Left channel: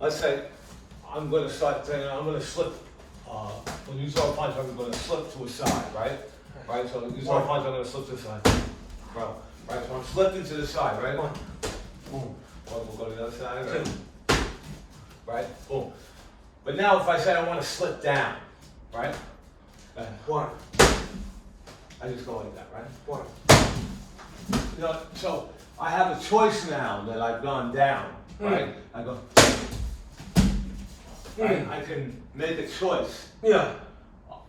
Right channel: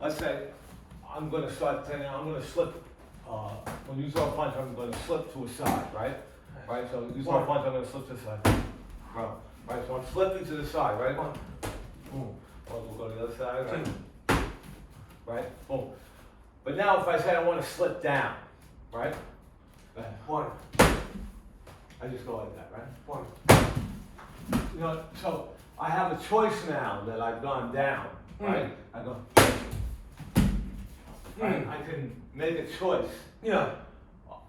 let's say, I'm gonna start saying, I'm gonna slip, when you throw a punch, I'm gonna slip to a side, right? Right, so you throw a punch, I'm gonna slip to the side. Right, so I'm slipping to the side, right? One, Boom. We'll go to the other side, right? Right, boom. But now if I say I wanna slip down, right? one, I just go like that, right? one. You know, so I have a choice now that I've gone down, right? I go, right? I can make a choice Yeah.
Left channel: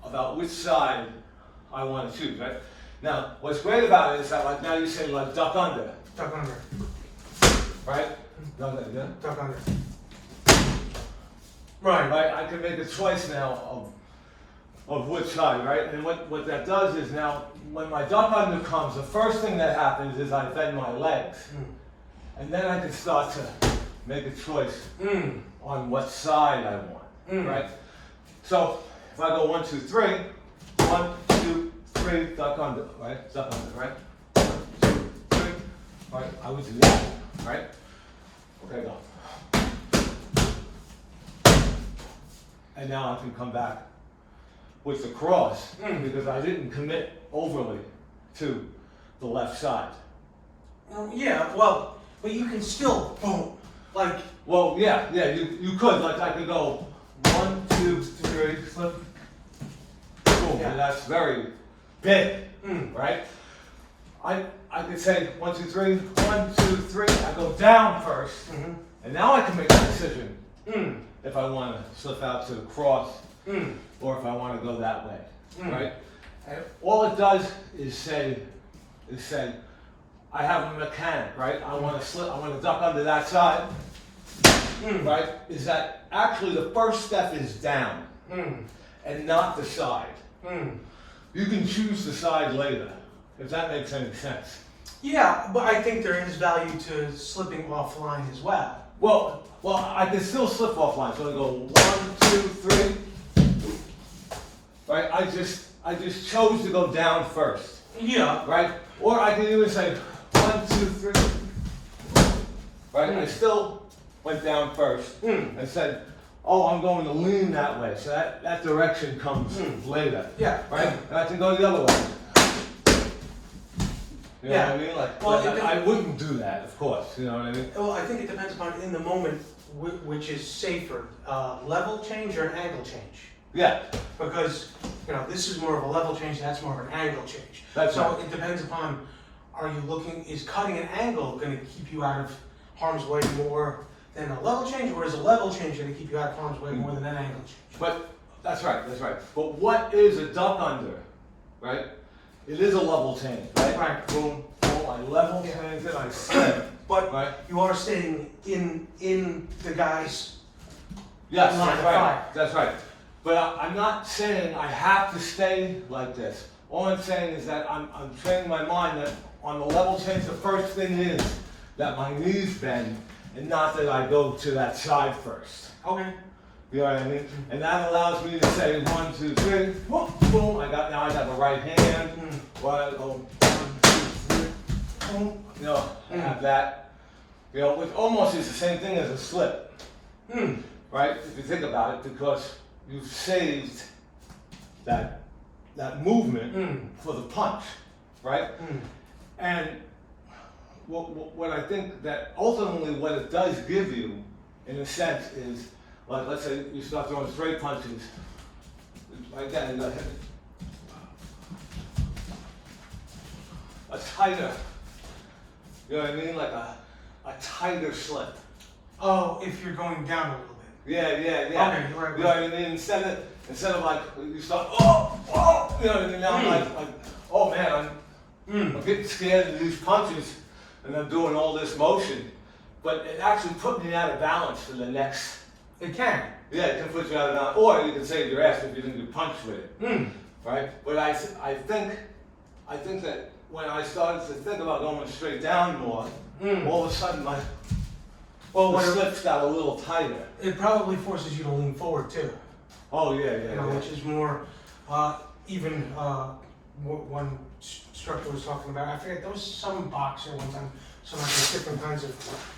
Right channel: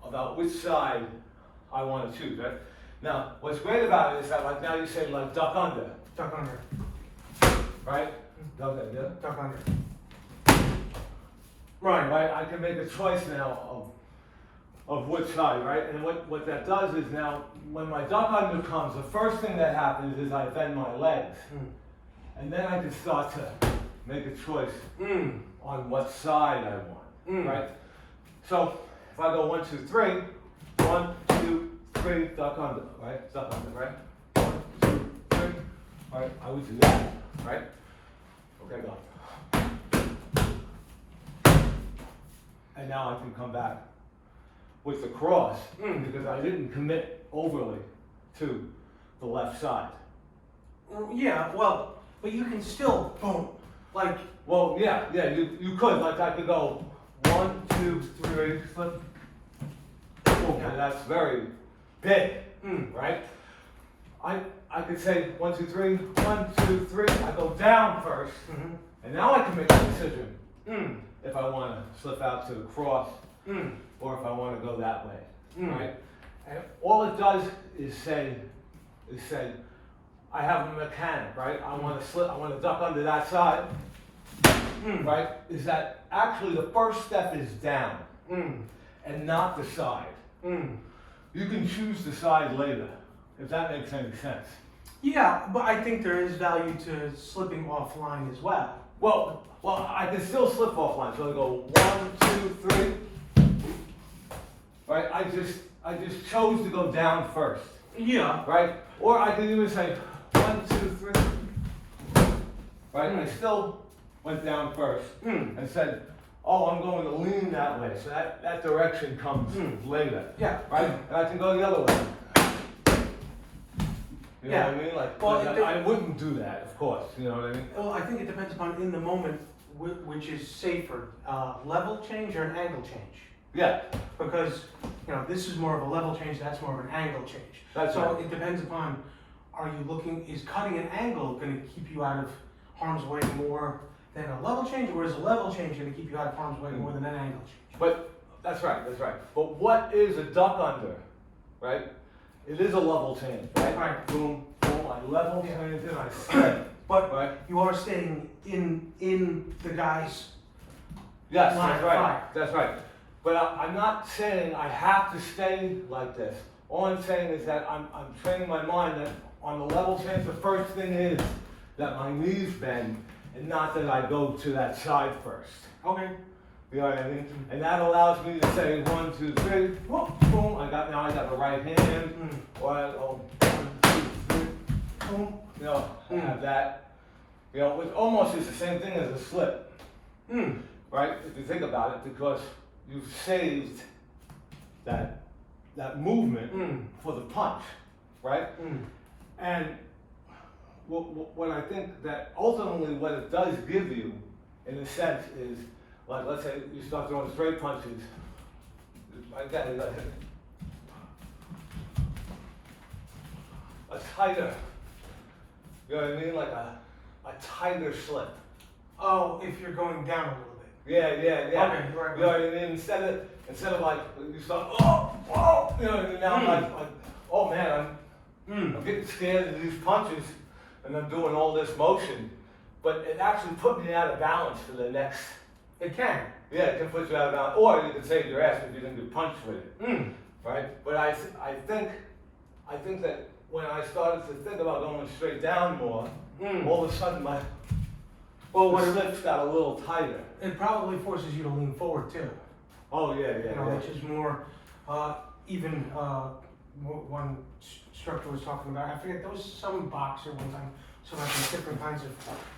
about which side I want to choose, right? Now, what's great about it is that like now you say like duck under, Duck under. right? Duck under, yeah? Duck under. Right, I can make a choice now of which side, right? And what that does is now, when my duck under comes, the first thing that happens is I bend my legs. And then I can start to make a choice on what side I want, right? So, if I go 1, 2, 3, 1, 2, 3, duck under, right? Duck under, right? 1, 2, 3, right? I would do that, right? Okay, go. And now I can come back with the cross because I didn't commit overly to the left side. Yeah, well, but you can still, boom, like, Well, yeah, you could, like I could go 1, 2, 3, slip, boom, Yeah. and that's very big, right? I could say 1, 2, 3, 1, 2, 3, I go down first, and now I can make a decision if I want to slip out to the cross or if I want to go that way, right? And all it does is say, I have a mechanic, right? I want to slip, I want to duck under that side, right? Is that actually the first step is down and not the side. You can choose the side later, if that makes any sense. yeah, but I think there is value to slipping offline as well. Well, I can still slip offline, so I go 1, 2, 3, right? I just chose to go down first, Yeah. right? Or I can even say 1, 2, 3, right? I still went down first and said, oh, I'm going to lean that way, so that direction comes later, Yeah. right? And I can go the other way. You know Yeah. what I mean? Like, Well, I wouldn't do that, of course, you know what I mean? Well, I think it depends upon in the moment which is safer, level change or an angle change. Yeah, Because, you know, this is more of a level change, that's more of an angle change. That's So right. it depends upon, is cutting an angle gonna keep you out of harm's way more than a level change, or is a level change gonna keep you out of harm's way more than an angle change? but that's right. But what is a duck under, right? It is a level change, right? Right. Boom, boom, I level change and I slip, But right? you are staying in the guy's, Yes, Line that's of right, fire. that's right. But I'm not saying I have to stay like this. All I'm saying is that I'm training my mind that on the level change, the first thing is that my knees bend and not that I go to that side first. okay, You know what I mean? And that allows me to say 1, 2, 3, whoop, boom, I got the right hand, or I go 1, 2, 3, boom, you know, I have that. You know, which almost is the same thing as a slip, right? If you think about it, because you've saved that movement for the punch, right? And what I think that ultimately what it does give you, in a sense, is like, let's say you start throwing straight punches, like that, you got a tighter, you know what I mean? Like a tighter slip. oh, if you're going down a little bit. Yeah. Okay, right. You know what I mean? Instead of like, you start, oh, you know what I mean? Now I'm like, oh man, I'm getting scared of these punches and I'm doing all this motion. But it actually put me out of balance for the next. It can. Yeah, it can put you out of balance, or you can save your ass if you didn't get punched with it, right? But I think that when I started to think about going straight down more, all of a sudden the slips got a little tighter. It probably forces you to lean forward too. Oh yeah. You know, which is more, even, one instructor was talking about, I forget, there was some boxer one time, so like there's different kinds of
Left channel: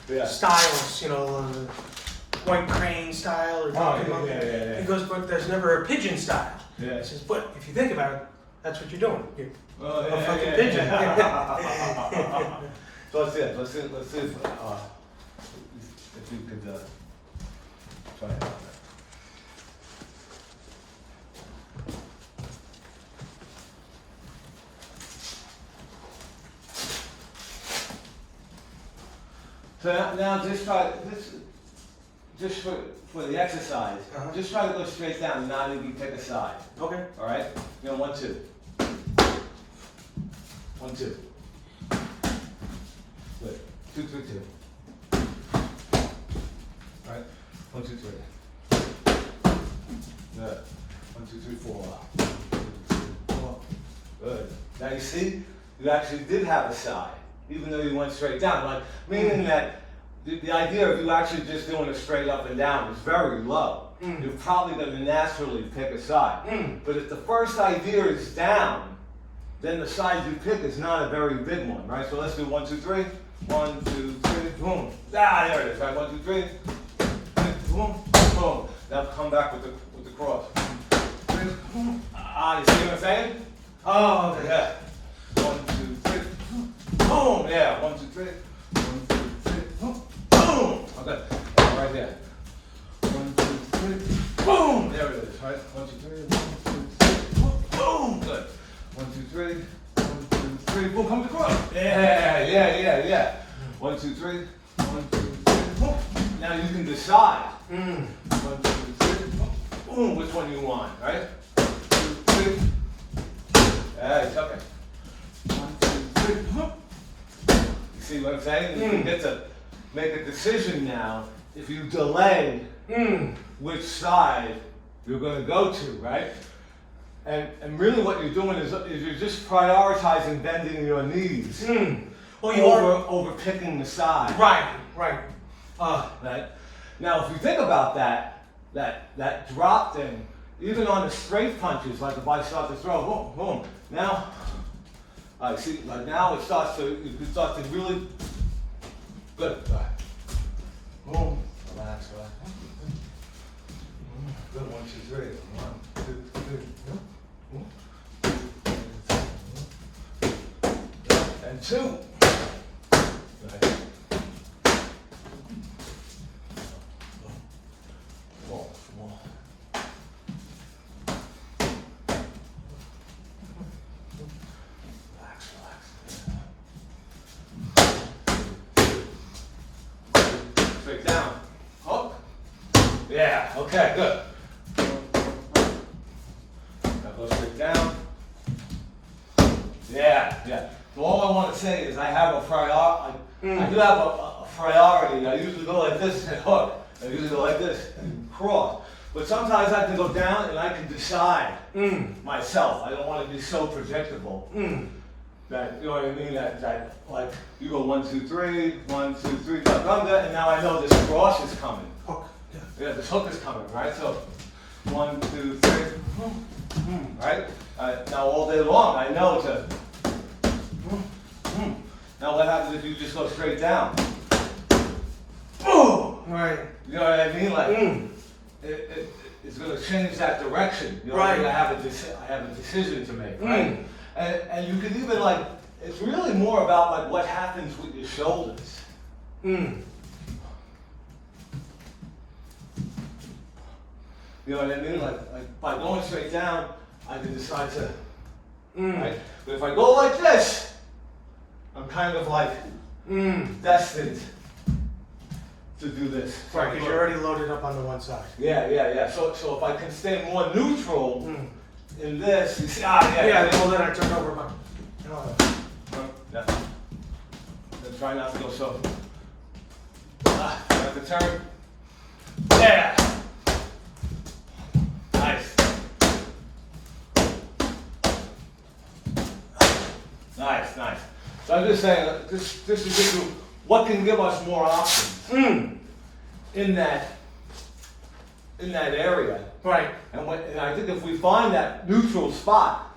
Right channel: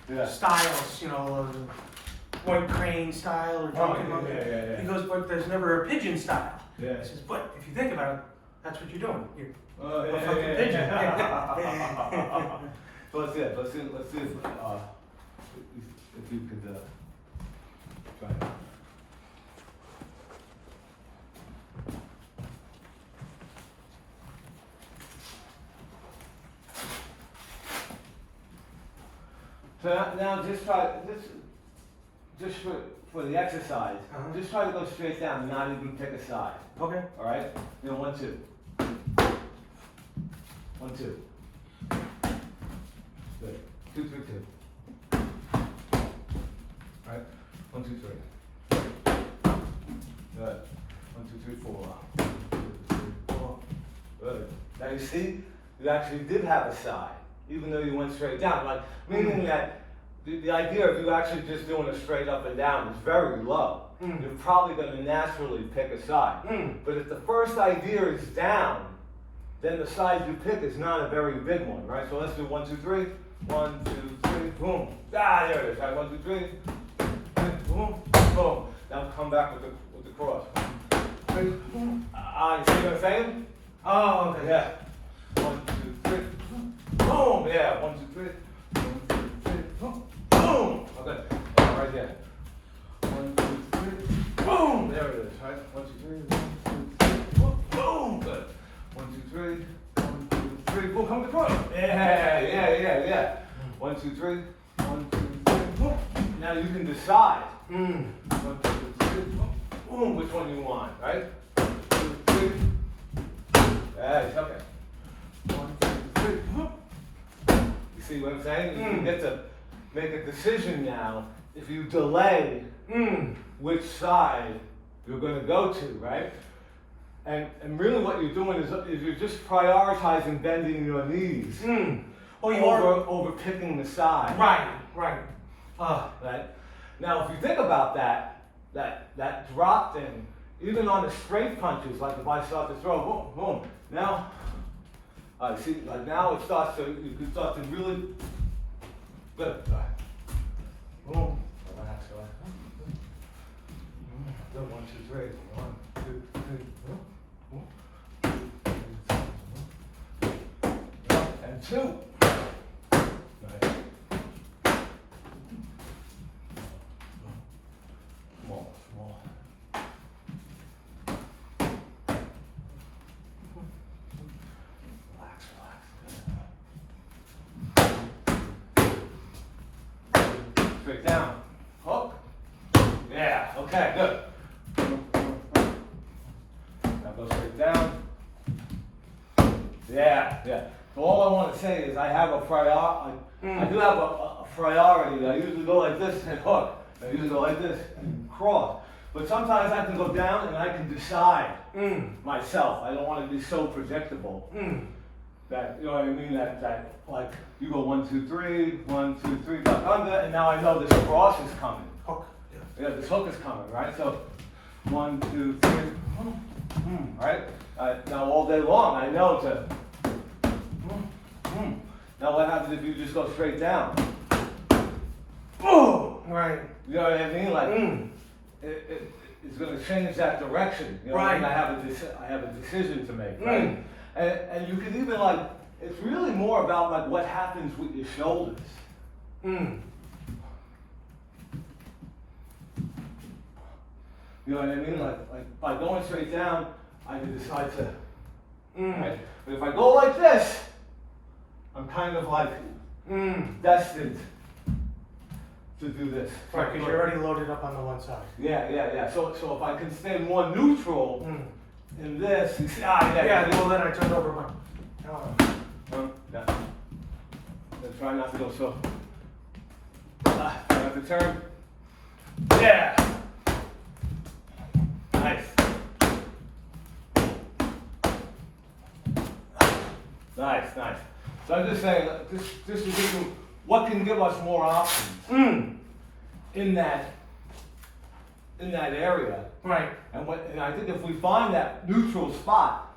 Yeah. styles, you know, white crane style or Donkey Monkey. yeah. He goes, but there's never a pigeon style. Yeah. He says, but if you think about it, that's what you're doing. You're Oh, a fucking pigeon. So let's see, if you could, try it. So now just try, just for the exercise, just try to go straight down, not even take a side, Okay. all right? You know, 1, 2. 1, 2. Good. 2, 3, 2. Right? 1, 2, 3. Good. 1, 2, 3, 4. Good. Now you see, you actually did have a side, even though you went straight down. Like, meaning that the idea of you actually just doing a straight up and down is very low. You're probably going to naturally pick a side. But if the first idea is down, then the side you pick is not a very big one, right? So let's do 1, 2, 3. 1, 2, 3, boom. Ah, there it is, right? 1, 2, 3. Boom, boom. Now come back with the cross. Ah, you see what I'm saying? Oh, okay. Yeah. 1, 2, 3. Boom. Yeah. 1, 2, 3. 1, 2, 3. Boom. Okay. Right there. 1, 2, 3. Boom. There it is. Right. 1, 2, 3. 1, 2, 3. Boom. Good. 1, 2, 3. 1, 2, 3. Boom. Come across. Yeah. 1, 2, 3. 1, 2, 3. Boom. Now you can decide. 1, 2, 3. Boom. Which one you want, right? 2, 3. Right. Okay. 1, 2, 3. You see what I'm saying? You can get to make a decision now if you delay which side you're going to go to, right? And really what you're doing is you're just prioritizing bending your knees over picking the side. Right. Right? Now, if you think about that drop thing, even on the straight punches, like if I start to throw, boom, boom, now, see, like now you start to really, good, boom, relax. Good, 1, 2, 3, 1, 2, 3, and 2. Right. More. Relax. Straight down. Hook. Yeah, okay, good. Now go straight down. Yeah. So all I want to say is I have a priority. I do have a priority. I usually go like this and hook. I usually go like this and cross. But sometimes I can go down and I can decide myself. I don't want to be so predictable. That, you know what I mean? That like you go 1, 2, 3, 1, 2, 3, and now I know this cross is coming. Hook. Yeah, this hook is coming, right? So 1, 2, 3, right? Now all day long I know to. Now what happens if you just go straight down? Right. You know what I mean? Like it's going to change that direction. You know what I mean? I have a decision to make, right? And you can even like, it's really more about like what happens with your shoulders. You know what I mean? Like by going straight down, I can decide to, right? But if I go like this, I'm kind of like destined to do this. Right, because you're already loaded up on the one side. Yeah. So if I can stay more neutral in this, you see, Yeah, well then I turn over my... Then try not to go so. I have to turn. Yeah. Nice. So I'm just saying, this to give you what can give us more options in that area. Right. And I think if we find that neutral spot,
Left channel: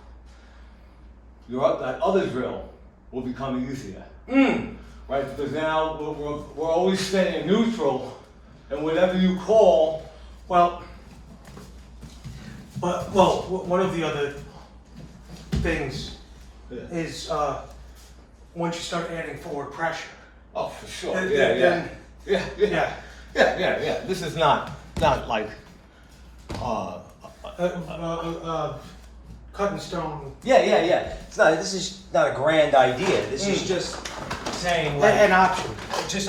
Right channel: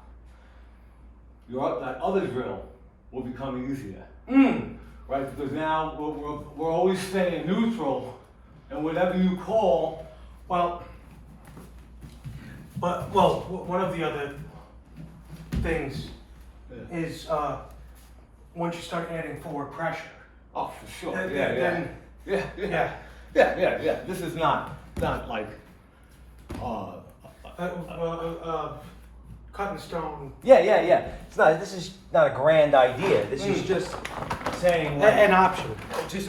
that other drill will become easier. Right? Because now we're always staying neutral and whatever you call, Well, one of the other things yeah. is, once you start adding forward pressure, Oh, for sure. then, Yeah, yeah. then- Yeah, yeah. yeah, Yeah. This is not like, cutting stone, Yeah. It's not. This is not a grand idea. This is just saying like an option. just